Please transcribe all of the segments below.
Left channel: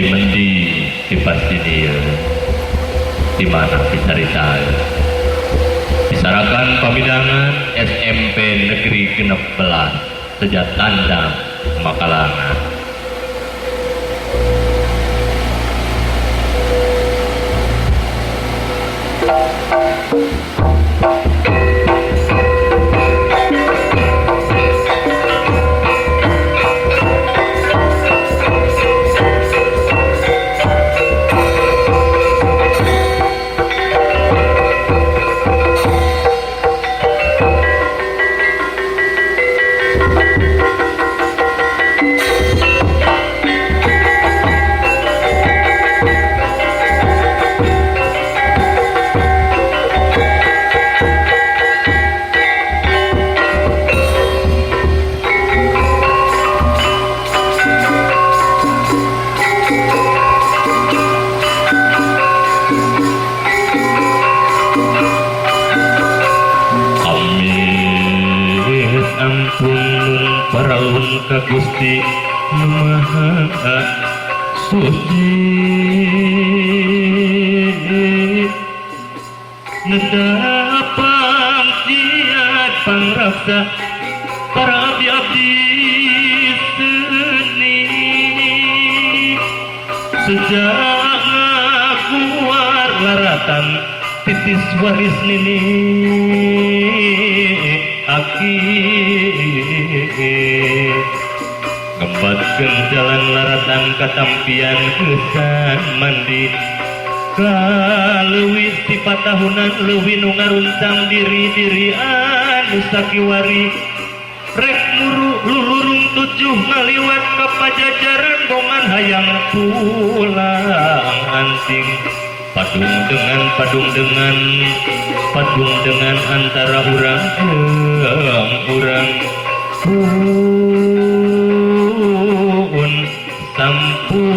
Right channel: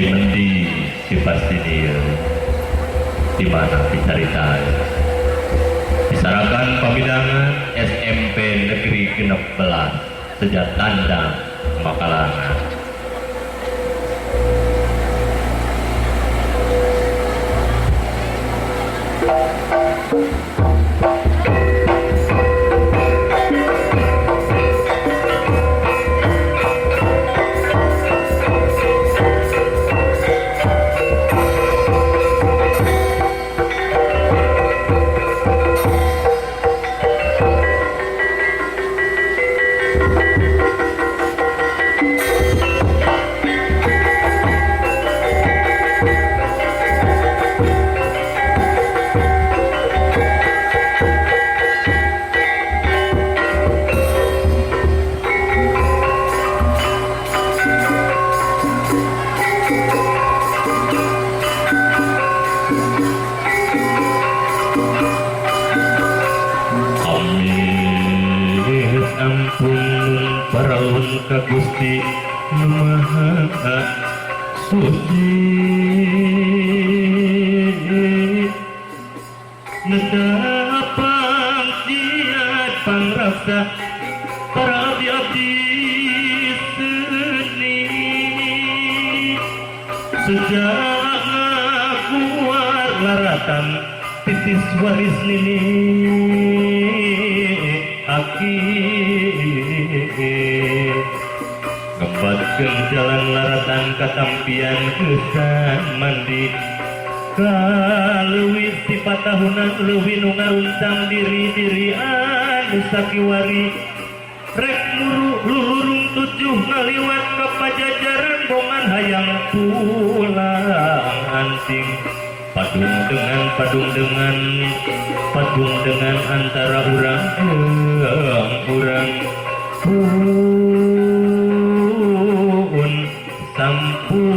Mendi dipasti dia di mana dicarita disarakan pamidangan SMP Negeri 16 Sejak Tandang Makalangan. Ka Gusti Nu Maha Suci Nedapang jiat pangraksa para abdi-abdi seni sejak ngakuar laratan titis waris nini aki ngembatkeun jalan laratan katampian kesan mandi kaleuwih ti patahunan leuwih nu ngaruntang diri-diri anu sakiwari rek muru lulurung tujuh ngaliwat ka pajajaran bongan hayang pulang anting padung dengan antara urang pun sampun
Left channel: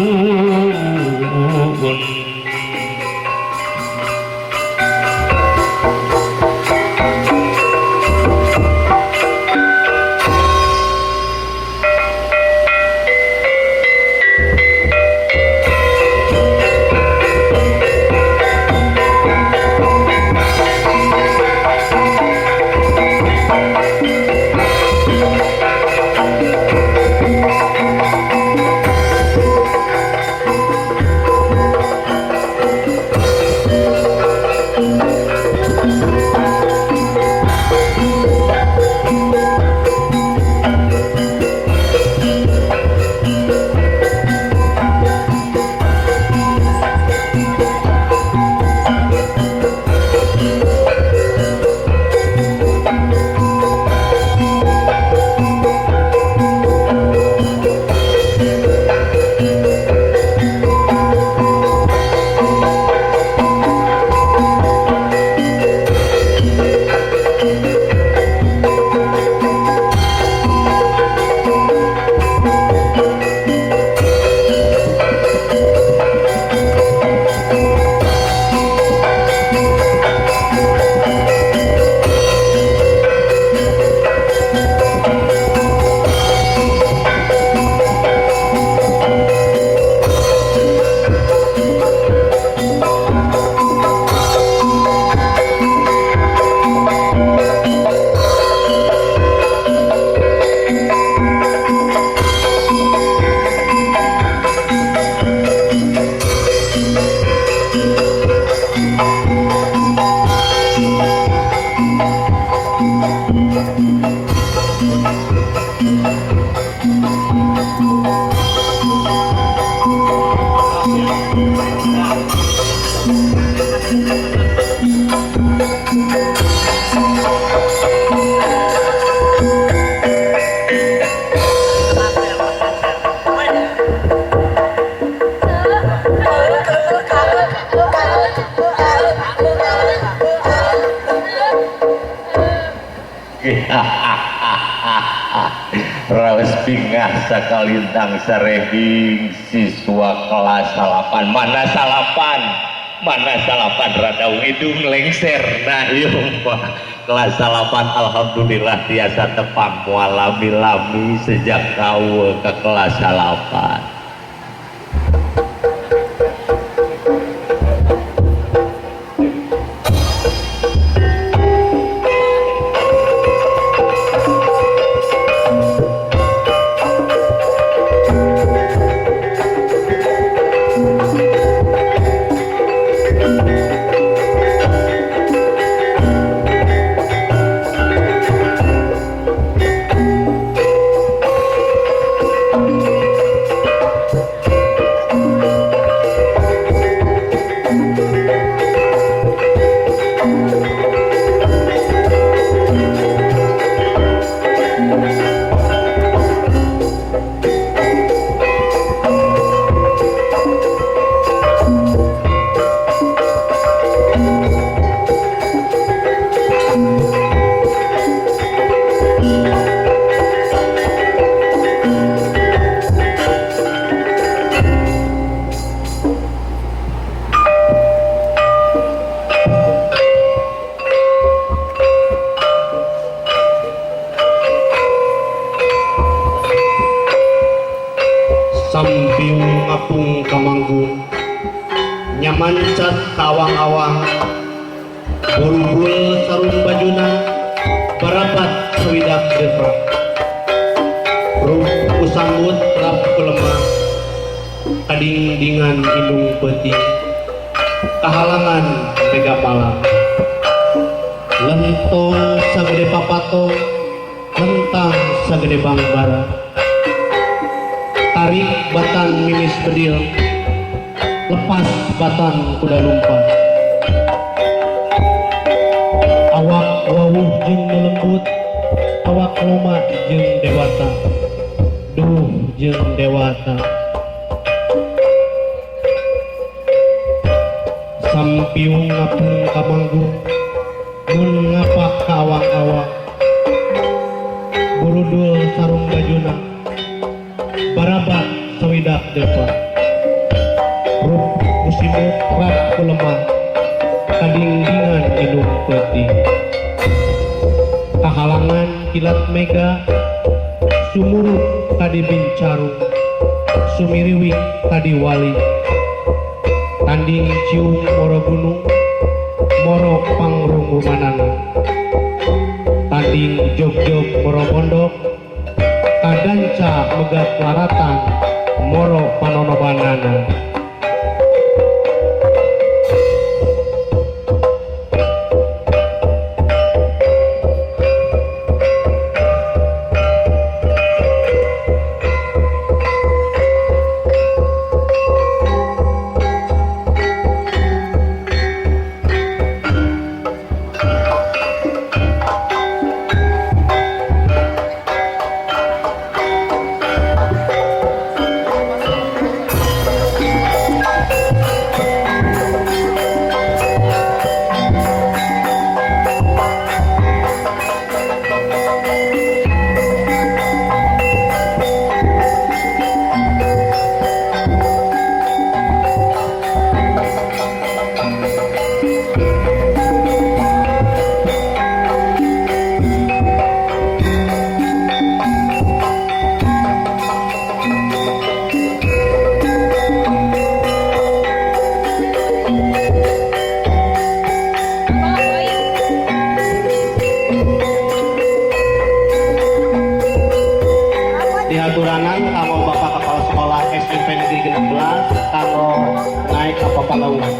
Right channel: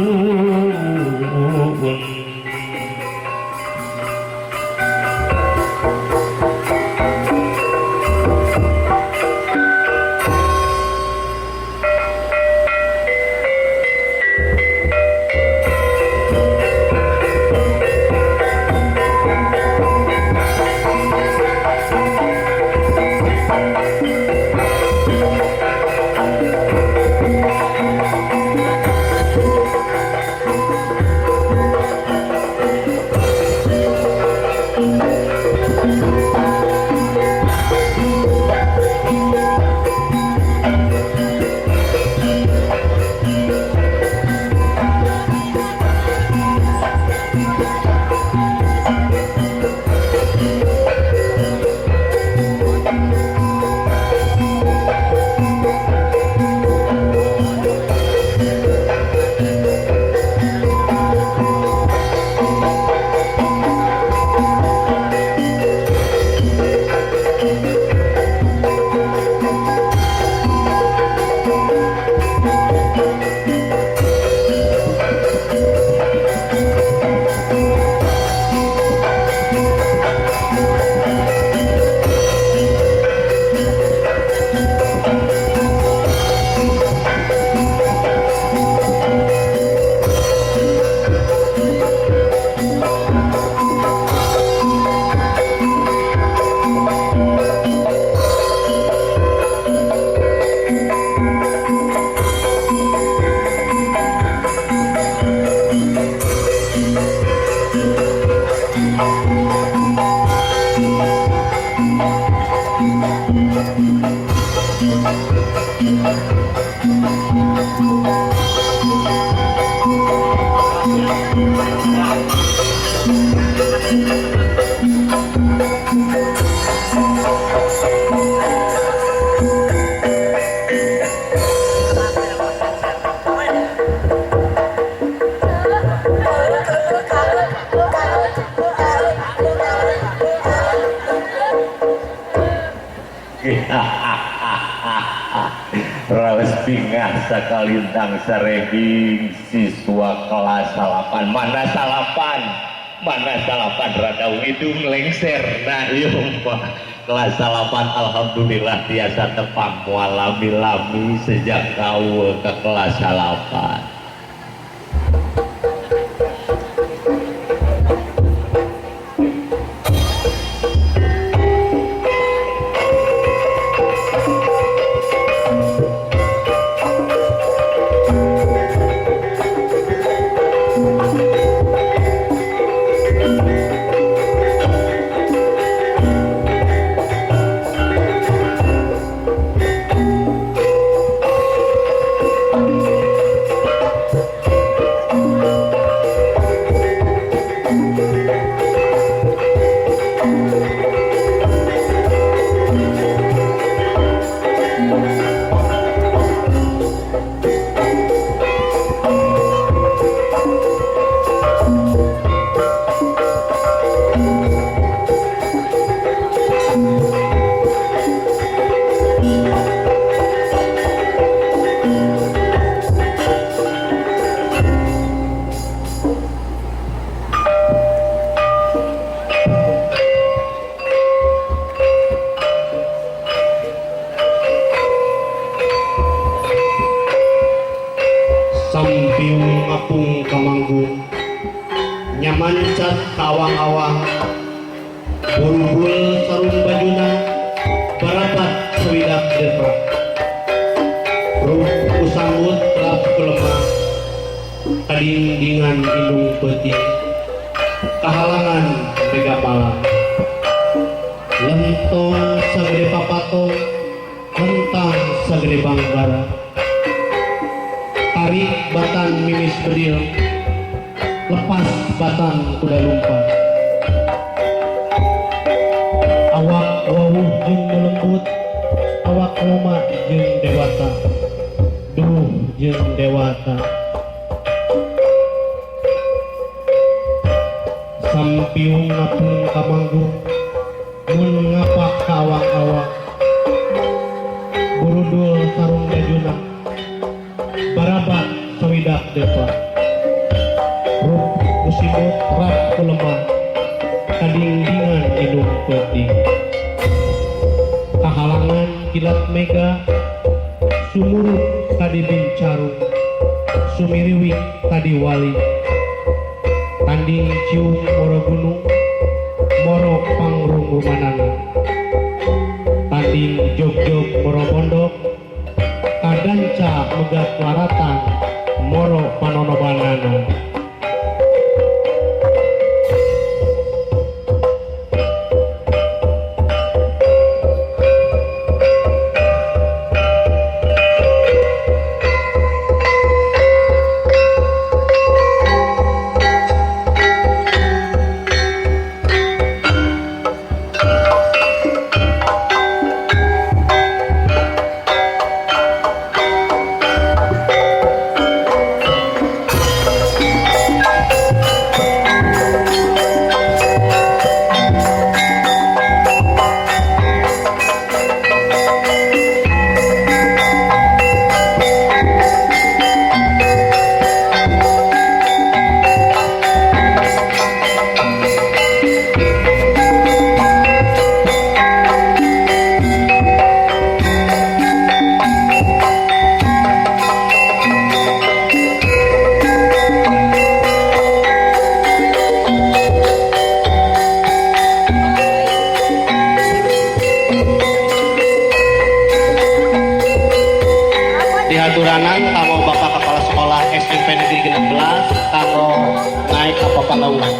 Raos bingah sakalintang sareging siswa kelas 8 mana salapan radau hidung lengser nah iya Pak kelas 8 alhamdulillah tiasa tepang mualami-lami sejak kau ke kelas 8 sampiung ngapung kamanggung nyamancat kawang-awang burubul sarung bajuna barapat sewidak depa ruh usambut rap kelemah kadingdingan indung peti kahalangan mega malam lentong sagede papato lentang sagede bangbara tarik batan mimis bedil lepas batan kuda lumpang awak wawuh jeung melembut awak loma jeung dewata duh jeung dewata sampiung ngapung kamanggung mun ngapak ka awang-awang burudul sarung bajuna barabat sawidak depa ruh musimut rap kulemah kadingdingan indung peti kahalangan kilat mega sumurup tadi bincaru sumiriwik tadi wali tanding cium moro gunung moro pangrungu manana tanding jog-jog moro pondok kadanca megat laratan moro panonobanana dihaturanan kanggo Bapak Kepala Sekolah SD Negeri 16 kanggo naik apa palauan.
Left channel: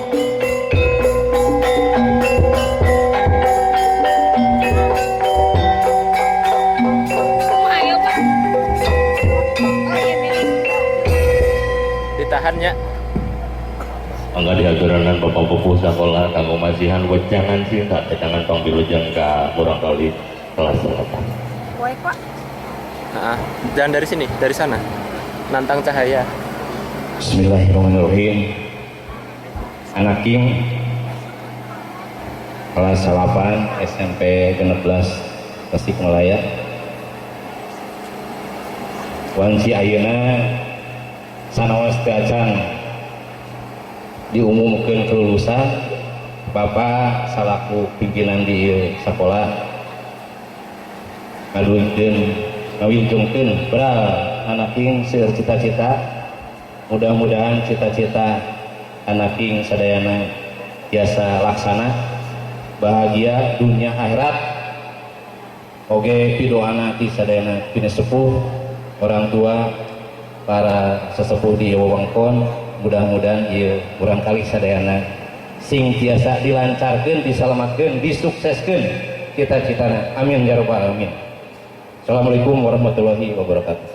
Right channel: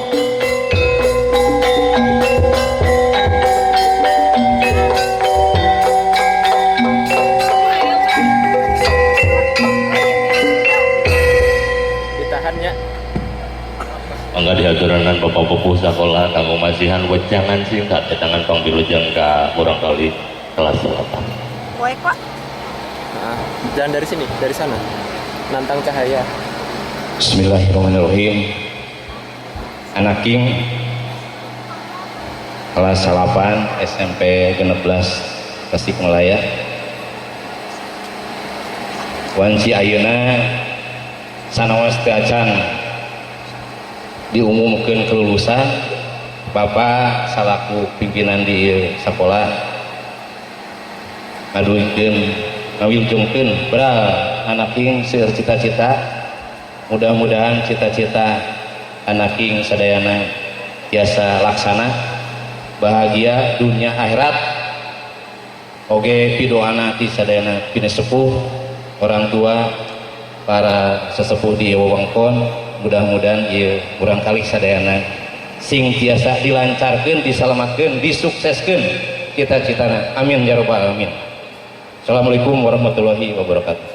Ditahannya. Mangga dihaturanan Bapak Pupuh Sekolah kanggo masihan wejangan singkat tetangan pangbilujeng ka kurang kali kelas 8. Poe kok. Nah, jangan dari sini, dari sana. Nantang cahaya. Bismillahirrahmanirrahim. Anak King kelas 8 SMP 16 Tasikmalaya. Wanci ayeuna sanaos teu acan diumumkeun kelulusan Bapak salaku pimpinan di sekolah ngawilujengkeun beral anak King seueur cita-cita, mudah-mudahan cita-cita anak King sadayana biasa laksana, bahagia dunia akhirat. Oge pidoana ti sadayana pinesepuh orang tua para sesepuh di wewengkon, mudah-mudahan ieu urang kali sadayana sing tiasa dilancarkeun, disalamatkeun, disukseskeun cita-citana. Amin ya rabbal alamin. Assalamualaikum warahmatullahi wabarakatuh.